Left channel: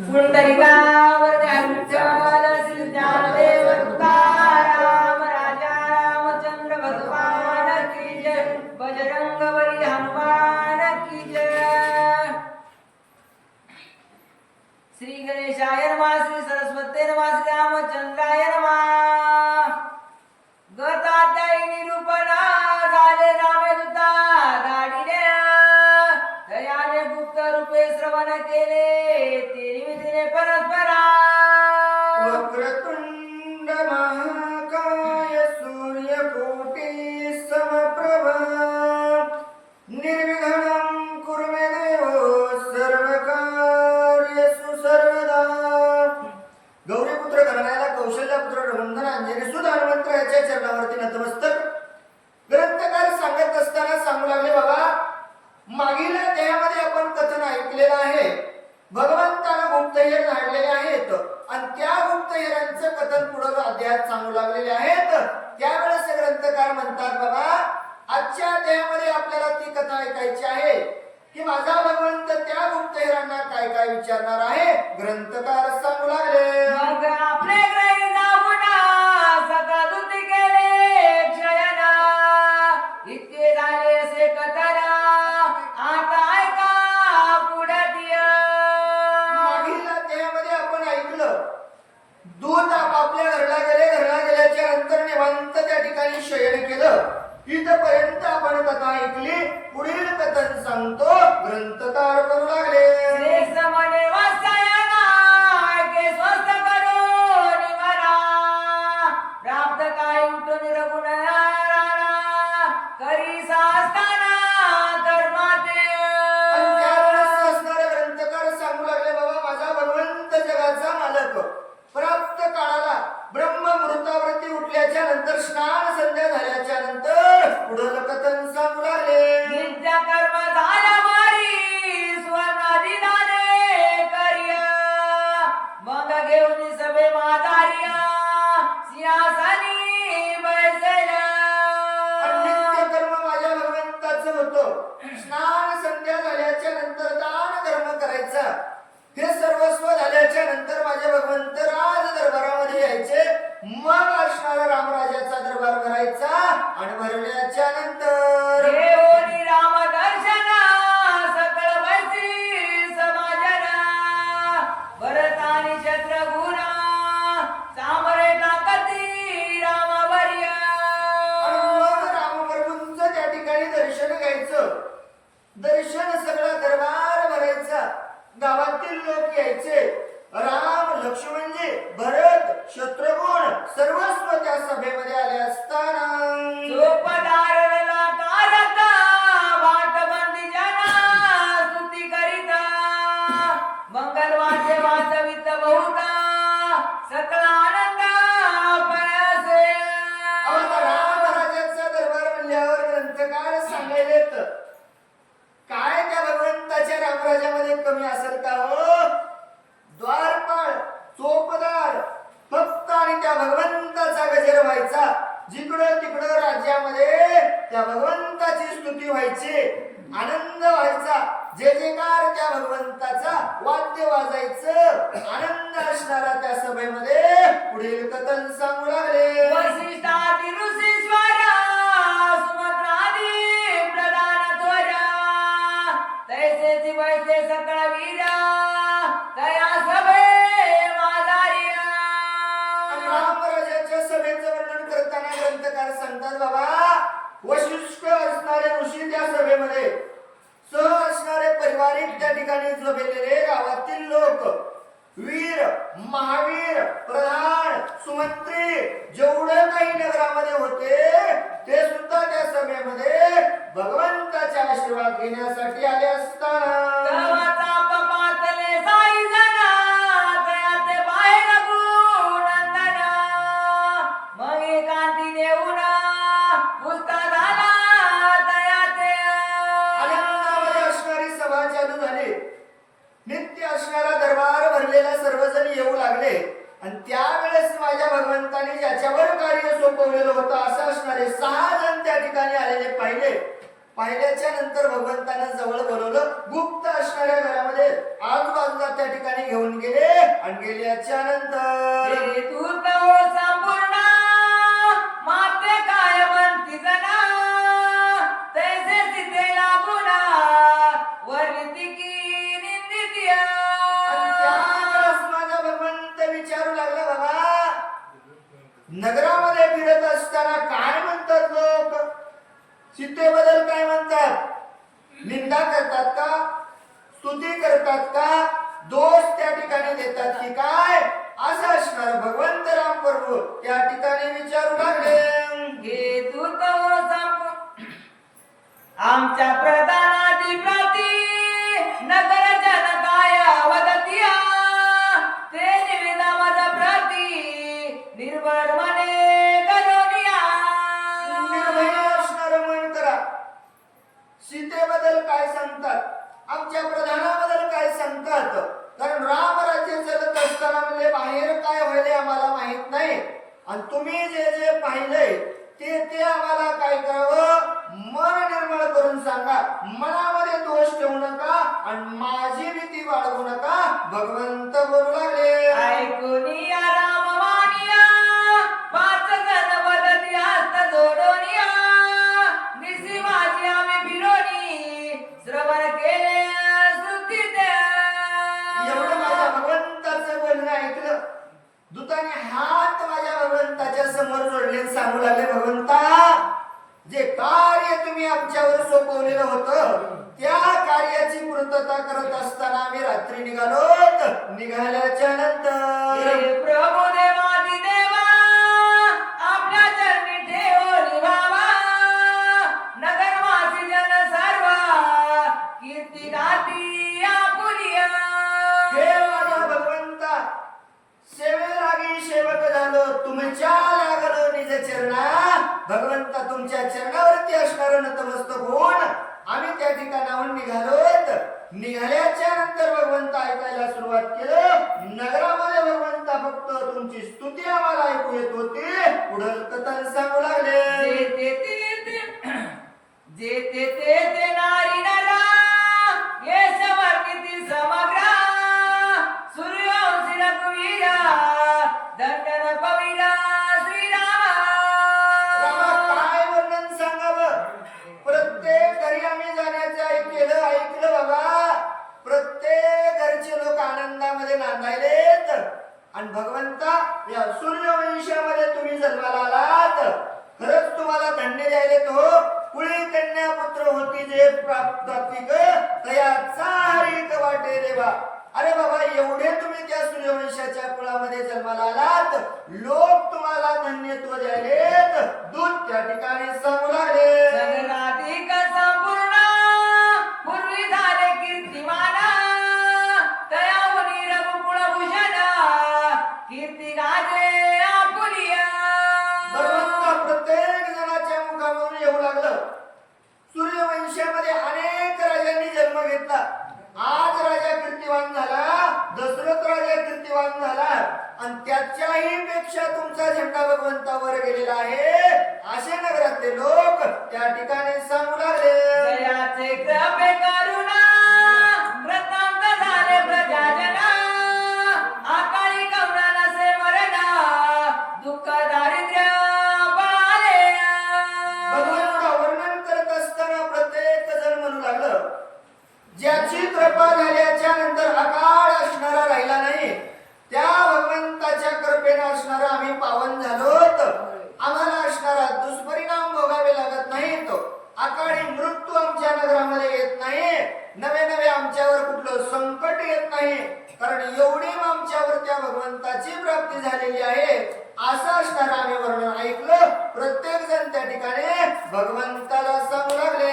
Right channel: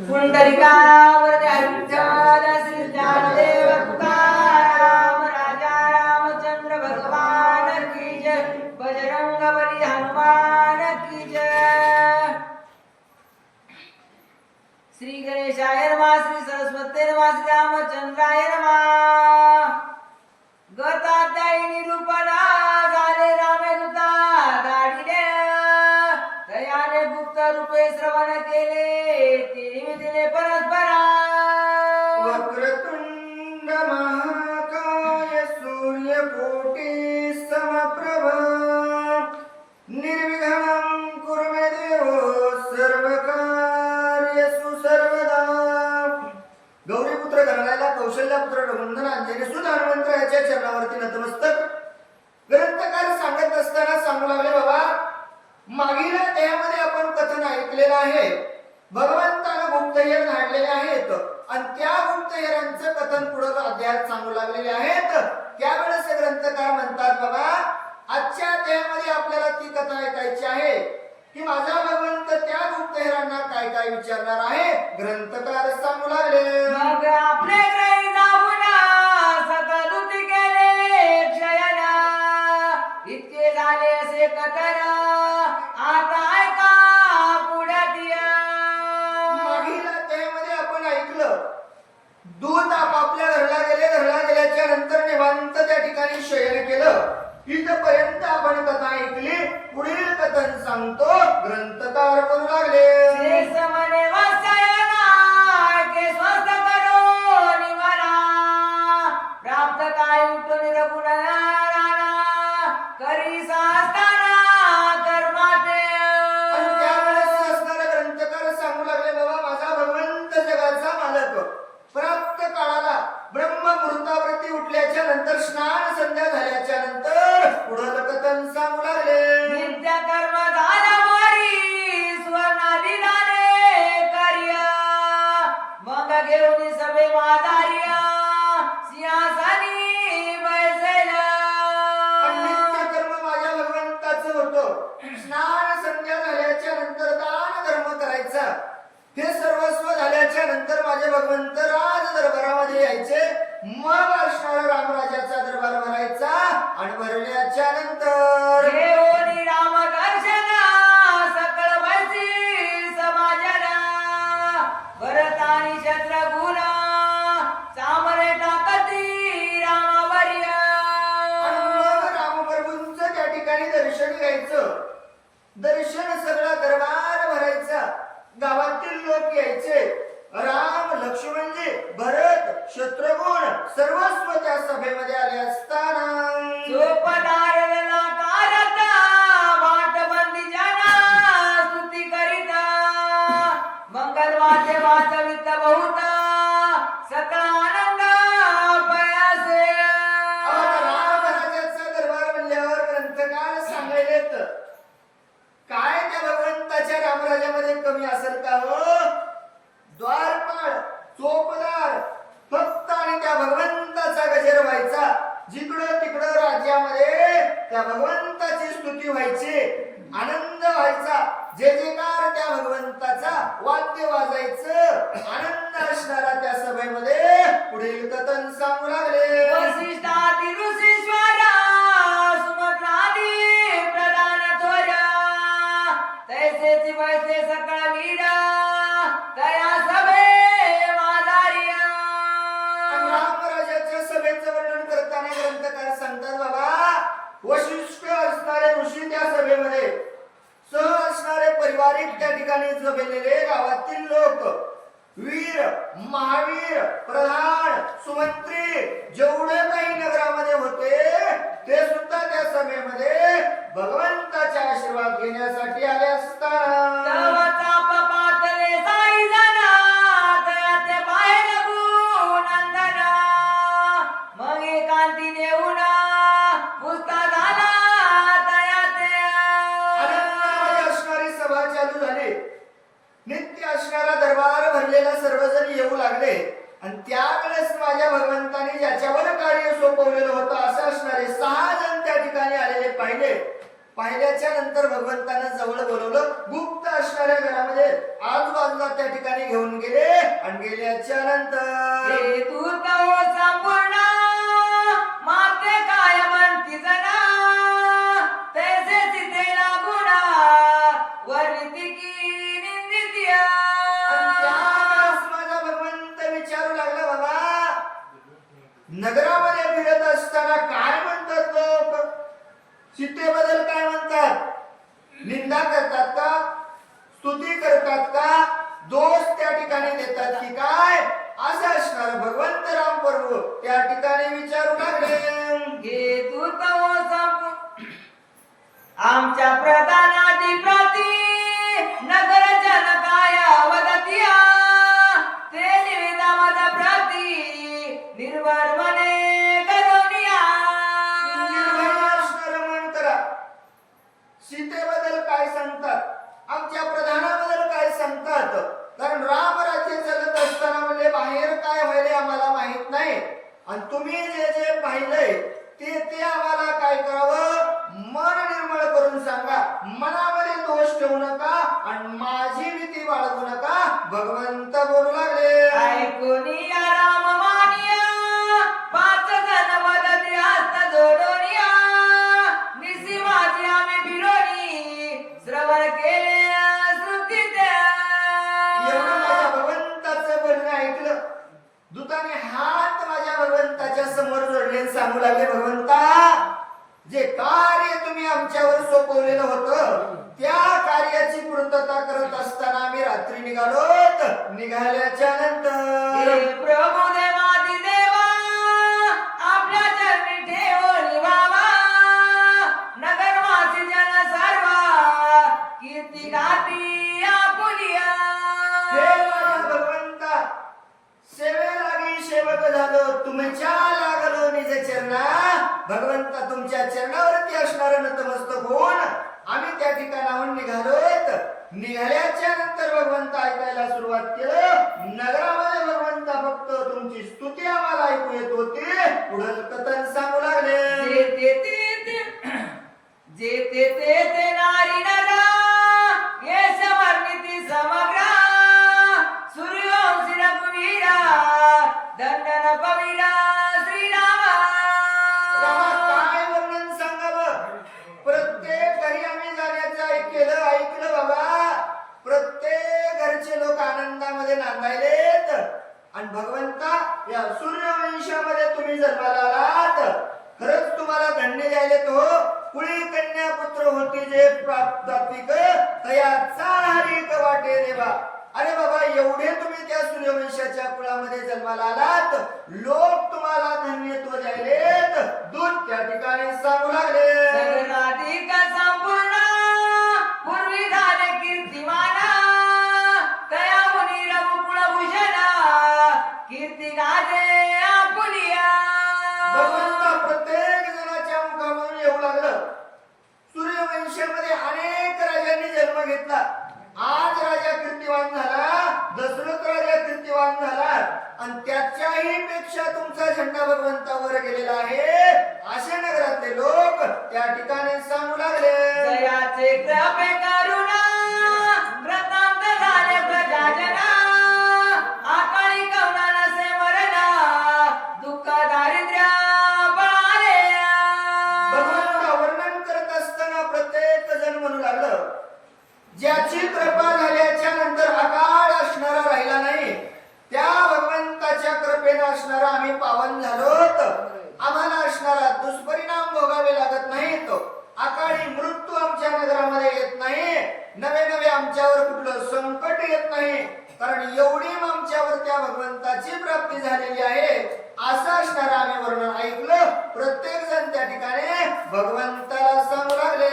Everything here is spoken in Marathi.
पुंडलिकावर विठ्ठल श्री ज्ञानदेव तुकाराम राजा रामचंद्र भगवान की जय बजरंग बली हनुमान की जय। श्री गणेशाय नमा श्री सरस्वती नमा श्री रामचंद्राय नमा। मागील त्यामध्ये आपण कथन ऐकलेलं आहे. भगवंतानं गुप्तहेर काढलेले आहेत. आणि त्या गुप्तहेरांचं कथन पुढं अध्यायात सांगू लागलेले आहेत. त्यावेळेस ग्रंथकार म्हणतात बाबा आजच्या अध्यायामध्ये आपल्याला ती कथा ऐकायची आहे. की माझा भगवंत त्या गुप्तहेरांना काय काय विचारणार आहे? ग्रंथकार सांगू लागले. मग आपले कथा ऐकली पुढील कथन सांगतो ग्रंथ उठल्याच्या नंतर स्नान संध्या झाल्याच्यानंतर पुढील कथन सांगू लागले नित्य कर्म वारी, कार्य. मग घेऊन सभे माधार्य, सिंहासनी बैसेल. आणि नित्य कर्म माझ्या भगवंताचं होतं स्नान संध्या झाल्याच्यानंतर दान कर्म करायचा हे सर्वस्व झाल्याच्यानंतर माझे भगवंत मग असणारा रामराजाचा दरबार भरायचा आणि भरल्याच्या नंतर देवोनी राम दर्शन सकळ वैसी समाजन भरत आणि शत्रुघ्न सामरे टाकती रामवर्य. आणि मग रामप्रभूंचं त्या ठिकाणी दर्शन घ्यायचं. दर्शन सगळा दरबार भरायचा. गावातील लोक यायचे. राम लक्ष्मणजी भरत शत्रुघ्न सर्वस्व त्या सभेमध्ये आले असताना. बहुत आनंद पयासे आम्हाला रामराजाचा दरबार म्हणल्यावर ग्रंथकार सांगायलेत काय त्या भगवंताच्या रामराजामध्ये कमी असेल का हो? द्वारपाळ चोपदार फक्त आणि त्या भगवंताचा गजर व्हायचा. जिकडं तिकडं राज्यामध्ये त्या भगवंताची स्तुती व्हायची. आनंद व्हायचा. जे जेकार त्या भगवंताचा. वाद्य वाजायचं. आनंद असणारा त्या सभेमध्ये पुढील कथन सांगू लागले. वशिष्ठ असणारे ऋषी त्या सभेमध्ये. सह असणारे पारिवारिक त्या ठिकाणी जमेलेले गावातील लोक. वीर महावीर प्रधान सुमंत्री जेवढे काही नगरामध्ये होते ते सुद्धा त्या सभेमध्ये भगवंताचा आशीर्वाद घेण्यासाठी आले असताना. नित्य असणारा दरबार भरलेला सर्वजण येऊ लागले. आणि त्यावेळेस माझ्या भगवंताने ज्याच्यावर कार्य सोपवलेलं होतं असं असणारे सहा जण त्या ठिकाणी आलेले पाहिले. पाहिल्याच्या नंतर भगवंतानं जवळ बोलवलं गुप्त असणाऱ्या घरामध्ये आजूबाजूला त्या ठिकाणी घेऊन गेले आणि गेल्याच्यानंतर तू संपूर्ण माते काय म्हणती जना नगरामध्ये फिरत असताना काय म्हणतात लोक? चित्तेबद्दल काय म्हणतात? निंदा करतात का? स्तुती करतात का? दोष त्या ठिकाणी देतात की काय? असं असणार भगवंत राम प्रभू. त्या ठिकाणी विचारू लागले. घे तू तो आमच्या प्रधानाची प्रती नगर जनकाय सांगतात. आमच्या प्रधानाबद्दल काय सांगतात? कारण राम राज्य जगत असताना म्हणजे बाहेर काय व्हायले आम्हाला माहीत नाही. आणि तुम्ही जे जे पाहिलंय ते ते आम्हाला काय करावं? मन निर्मळ करून सांगा. मनामध्ये दोष ठेवू नका आणि माझी भीती बाळगू नका. भगवंत बोलू लागले. ऐकून राम सांगू लागले भगवंता जे कार्य तुम्ही आमच्यावर सोपवलेलं होतं त्या कार्याची पूर्तता करत असताना आम्ही रात्री निघालो निघाल्याच्या नंतर. प्रभू लागलो चरणा भगवंता तुमच्या चरणावरती असणार नतमस्तक होऊन आम्ही त्या ठिकाणाहून निघालोत. निघाल्याच्या नंतर भगवंत ऐकायला सुरुवात केलं. नगरामध्ये भगवंता फक्त तुमची स्तुती आम्हाला ऐकू येत होती. पुढं कथन सांगू लागले. आणि भगवंता या सूर्यवंशामध्ये तुम्ही जन्माला आलात खरंच तुम्हाला धन्य द्यायले तो कुळी कन्या पुत्र होती जे प्राप्तिक तयाचा हरिक वाटे देवा. अरे बाबा एवढे तुम्ही त्या सूर्यवंशाच्या कुळामध्ये जन्माला आलात. लोक तुम्हाला धन्यत्व द्यायलेत. दूध त्या ठिकाणी सांगू लागले. जन्म घेतला. आज राजा कीर्तिवान झाला दशरथ राजा कीर्तिवान झाला. आणि त्याच्याही पेक्षा तुमचा झेंडा भगवंतावर गेलेला आहे. अशा नगरातले लोक त्या ठिकाणी सांगू लागले. जयाचे कृपे करुणा व्रतांत झाले प्रजाजना येतो. अकाळी मृत्यू आमच्या नगरामध्ये येत नाही नवे नवे आमच्यावर कुठलं संकट येत नाही कारण एवढी आमच्यावर त्या भगवंताची प्राप्ती झालेली आहे असं असणार आम्ही वर्णन ऐकलं. प्रत्येक जण त्या ठिकाणी भगवंताला सांगू लागले.